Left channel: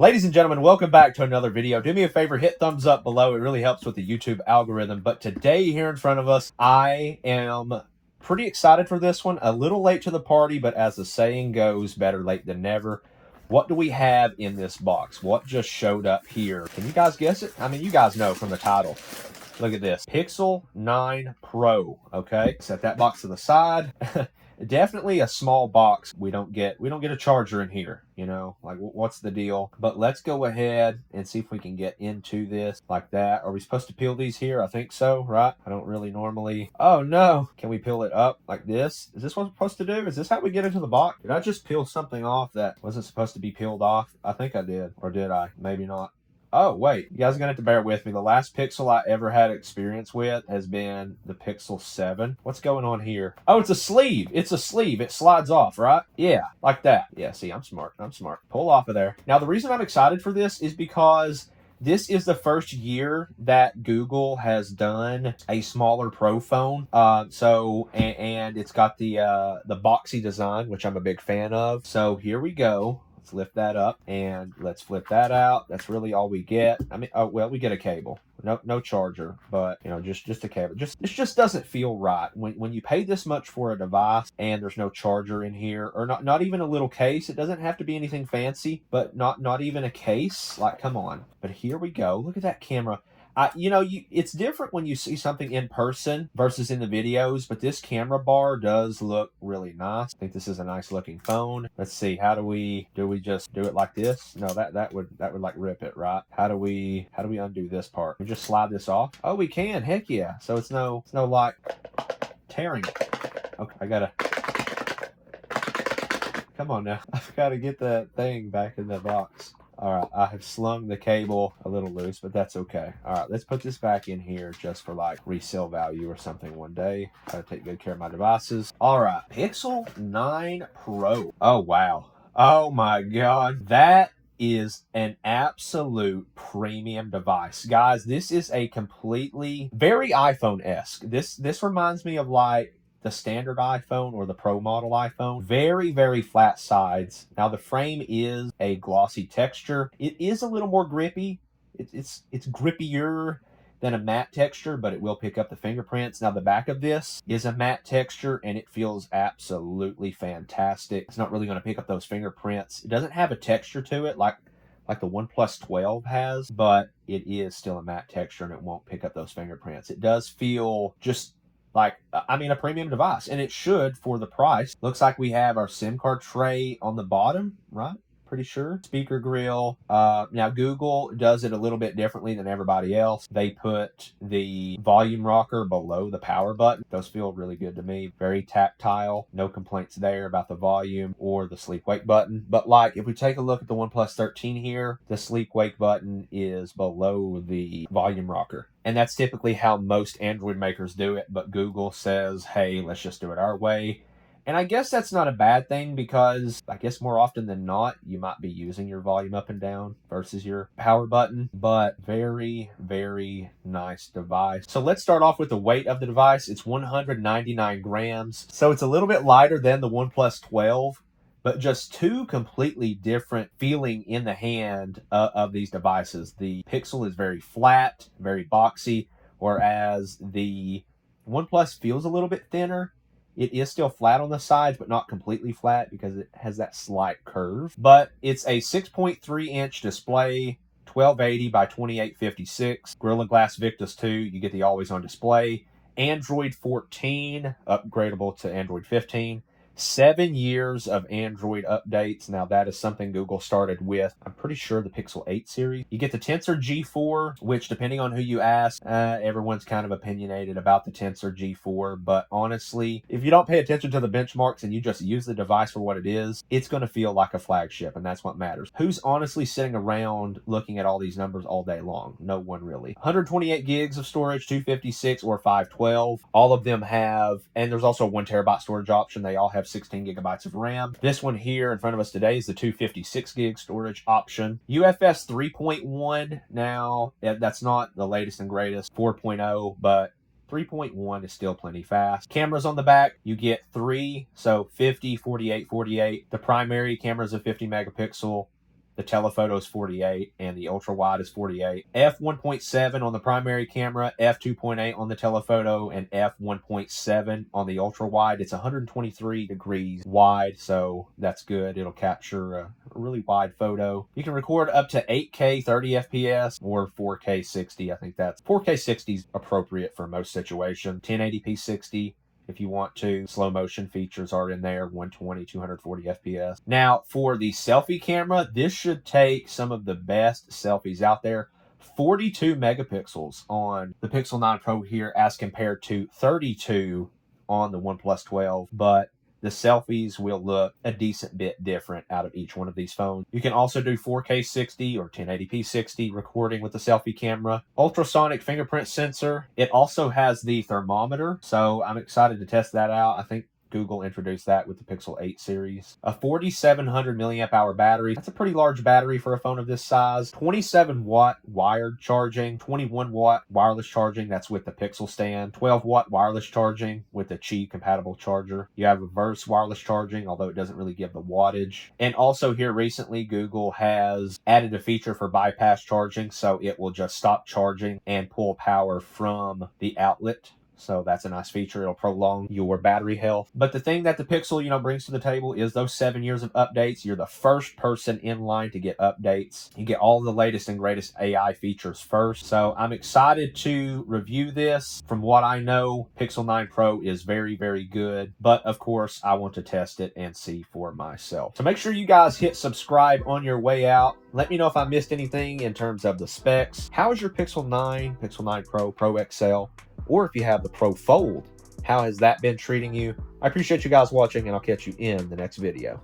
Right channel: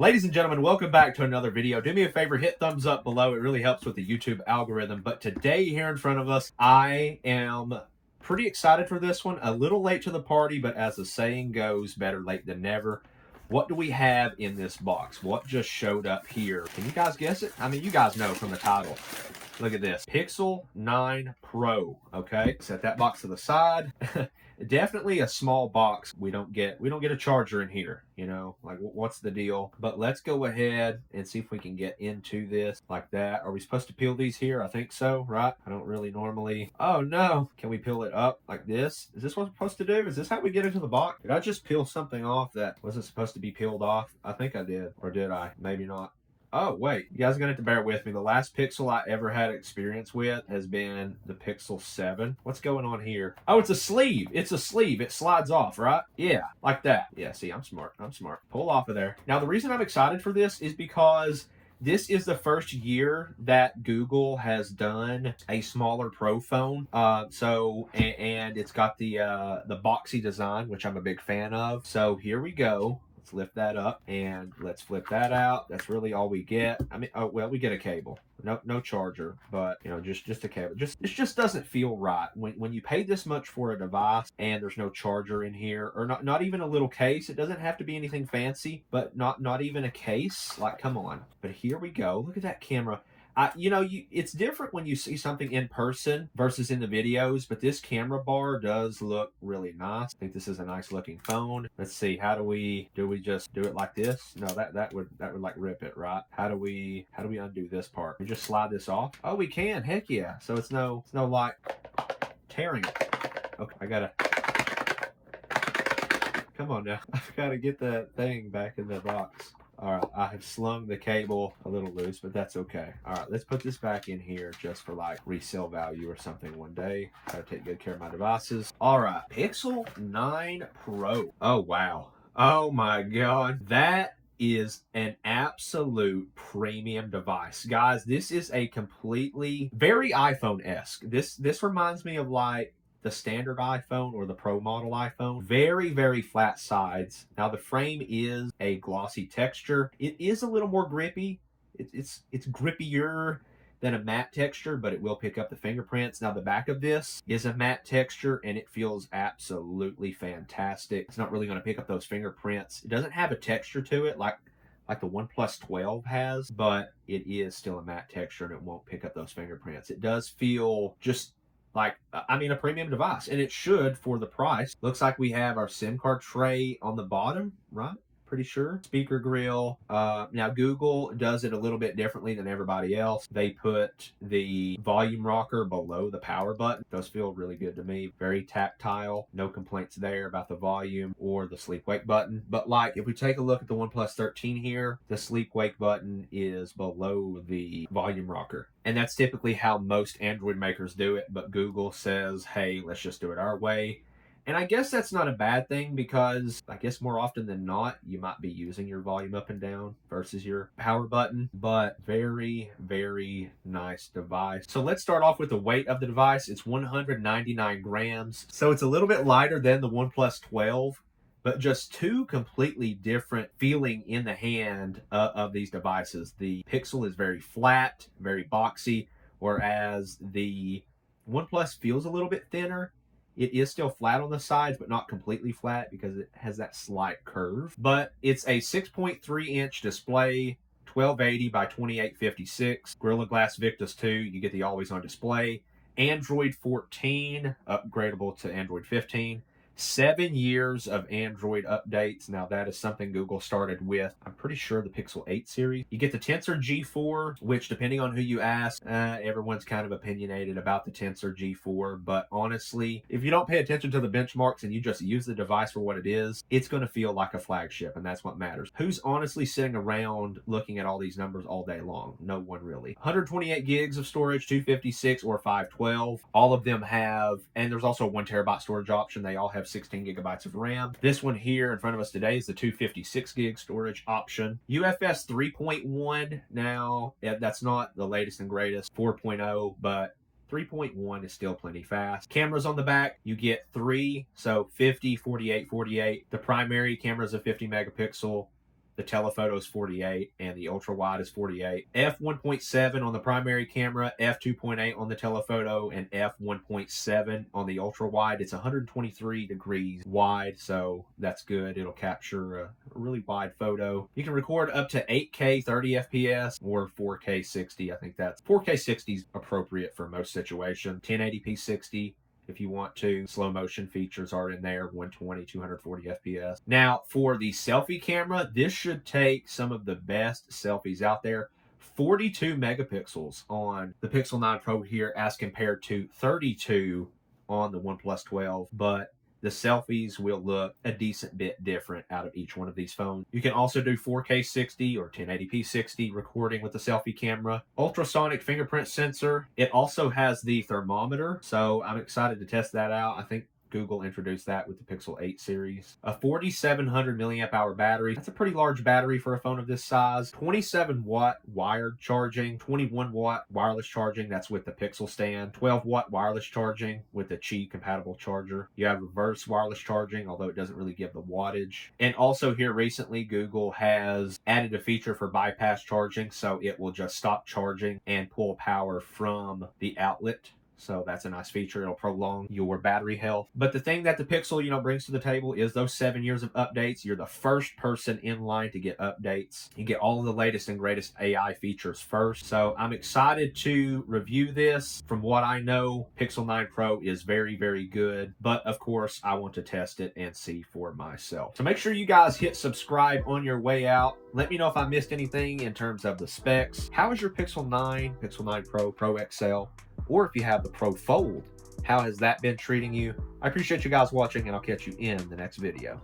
Ladies and gentlemen, welcome back to another video. Do me a favor, hit thumbs up below. It really helps with the YouTube algorithm. But today here in front of us, I am pretty excited for this one. A little late to the party, but as the saying goes, better late than never. What do we have in this box? What just showed up here? Can you guys guess it? I mean, you guys know from the title. Look at this. Pixel 9 Pro. Okay, set that box to the side. Definitely a small box. We don't get a charger in here, you know, like what's the deal? But let's go ahead and see if we can get into this like that. Are we supposed to peel these here? I think so, right? I don't really normally. Oh no, can we peel it up like this? Is this what we're supposed to do? Is this how we get into the box? Did I just peel something off that wasn't supposed to be peeled off? I think I did, or did I? Maybe not. Oh, wait. You guys are going to have to bear with me. The last Pixel I ever had experience with has been the Pixel 7. What's going on here? Oh, it's a sleeve. It's a sleeve. It slides off, right? Yeah, like that. Yeah, see, I'm smart. I'm smart. Pull off of there. Now, the reason I'm excited for this is because this is the first year that Google has done a smaller Pro phone. And it's got the boxy design, which I'm a big fan of. So here we go. Let's lift that up and let's flip that out. That's really all we get. I mean, oh well, we get a cable. No charger, but you know, just a cable. It just doesn't feel right when you pay this much for a device and there's no charger in here, or not even a little case. It doesn't have to be anything fancy, but not even a case. Like, come on. But here we go. Look at that camera. It's different when you see something in person versus in the videos, but this camera bar does look really nice. I think this is a nice looking phone. Let's see, do we just do it like this? No, that would like rip it, right? How do we undo this part? We just slide this off? Oh, we can. Heck yeah. So it's no like tearing it. Okay, I gotta. Come on now. I've got to get that thing back in the box. All right, I have slung the cable a little loose, but that's okay. All right, let's put this back in here just for like resale value or something one day. Gotta take good care of my devices. All right, Pixel 9 Pro. Oh, wow. Oh my God. That is an absolute premium device. Guys, this is a completely, very iPhone-esque. This reminds me of like the standard iPhone or the Pro model iPhone. Very, very flat sides. Now the frame is a glossy texture. It is a little more grippy. It's grippier than a matte texture, but it will pick up the fingerprints. Now the back of this is a matte texture and it feels absolutely fantastic. It's not really going to pick up those fingerprints. It doesn't have a texture to it like the OnePlus 12 has, but it is still a matte texture and it won't pick up those fingerprints. It does feel just like, I mean, a premium device, and it should for the price. Looks like we have our SIM card tray on the bottom, right? Pretty sure. Speaker grill. Now Google does it a little bit differently than everybody else. They put the volume rocker below the power button. Those feel really good to me. Very tactile. No complaints there about the volume or the sleep wake button. But like, if we take a look at the OnePlus 13 here, the sleep wake button is below the volume rocker. And that's typically how most Android makers do it. But Google says, hey, let's just do it our way. And I guess that's not a bad thing because I guess more often than not, you might be using your volume up and down versus your power button. But very, very nice device. So let's start off with the weight of the device. It's 199 grams. So it's a little bit lighter than the OnePlus 12. But just two completely different feeling in the hand of these devices. The Pixel is very flat, very boxy, whereas the OnePlus feels a little bit thinner. It is still flat on the sides, but not completely flat because it has that slight curve. But it's a 6.3-inch display, 1280 by 2856. Gorilla Glass Victus 2, you get the always-on display. Android 14, upgradable to Android 15. 7 years of Android updates. Now that is something Google started with, I'm pretty sure, the Pixel 8 series. You get the Tensor G4, which depending on who you ask, everyone's kind of opinionated about the Tensor G4. But honestly, if you don't pay attention to the benchmarks and you just use the device for what it is, it's going to feel like a flagship, and that's what matters. Who's honestly sitting around looking at all these numbers all day long? No one really. 128 gigs of storage, 256 or 512. All of them have, and there's also a 1 terabyte storage option. They all have 16 gigabytes of RAM. This one here in front of us today is the 256 gig storage option. UFS 3.1. Now, that's not the latest and greatest 4.0, but 3.1 is still plenty fast. Cameras on the back, you get 3, so 50, 48, 48. The primary camera is a 50 megapixel. The telephoto is 48 and the ultra wide is 48. f1.7 on the primary camera, f2.8 on the telephoto, and f1.7 on the ultra wide. It's 123 degrees wide, so that's good. It'll capture a really wide photo. You can record up to 8K 30 FPS or 4K 60. I think that's 4K 60 is appropriate for most situations. 1080p 60 if you want to. Slow motion features are in there, 120, 240 FPS. Now, for the selfie camera, this should take some of the best selfies out there. 42 megapixels on the Pixel 9 Pro here as compared to 32 on the OnePlus 12, but the selfies will look a decent bit different out of each one of these phones. You can also do 4K 60 or 1080p 60 recording with the selfie camera. Ultrasonic fingerprint sensor. It also has the thermometer, so I'm excited to test that out. I think Google introduced that with the Pixel 8 series. A 4700 milliamp hour battery. That's a pretty large battery for a phone of this size. 27 watt wired charging, 21 watt wireless charging. That's with the Pixel stand. 12 watt wireless charging with the Qi compatible charger. You have reverse wireless charging, although it doesn't really give the wattage. And also here recently, Google has added a feature for bypass charging, so it will just stop charging and pull power from the outlet. So that's a nice feature. It'll prolong your battery health. But the thing that the Pixel, brings to the table is those 7 years of updates. You're the first person in line to get updates. You get all the latest and greatest AI features first. So I'm excited to review this. From what I know, Pixel 9 Pro is very, very good. But of course, I want to test it and see for myself. So make sure you guys hit subscribe on your way out. Let me know if I missed anything in terms of the specs. How is your Pixel 9, Pixel 9 Pro, Pro XL? Or if you have the Pro Fold, how has that been treating you? I appreciate you guys watching, and I'll catch you in the next video.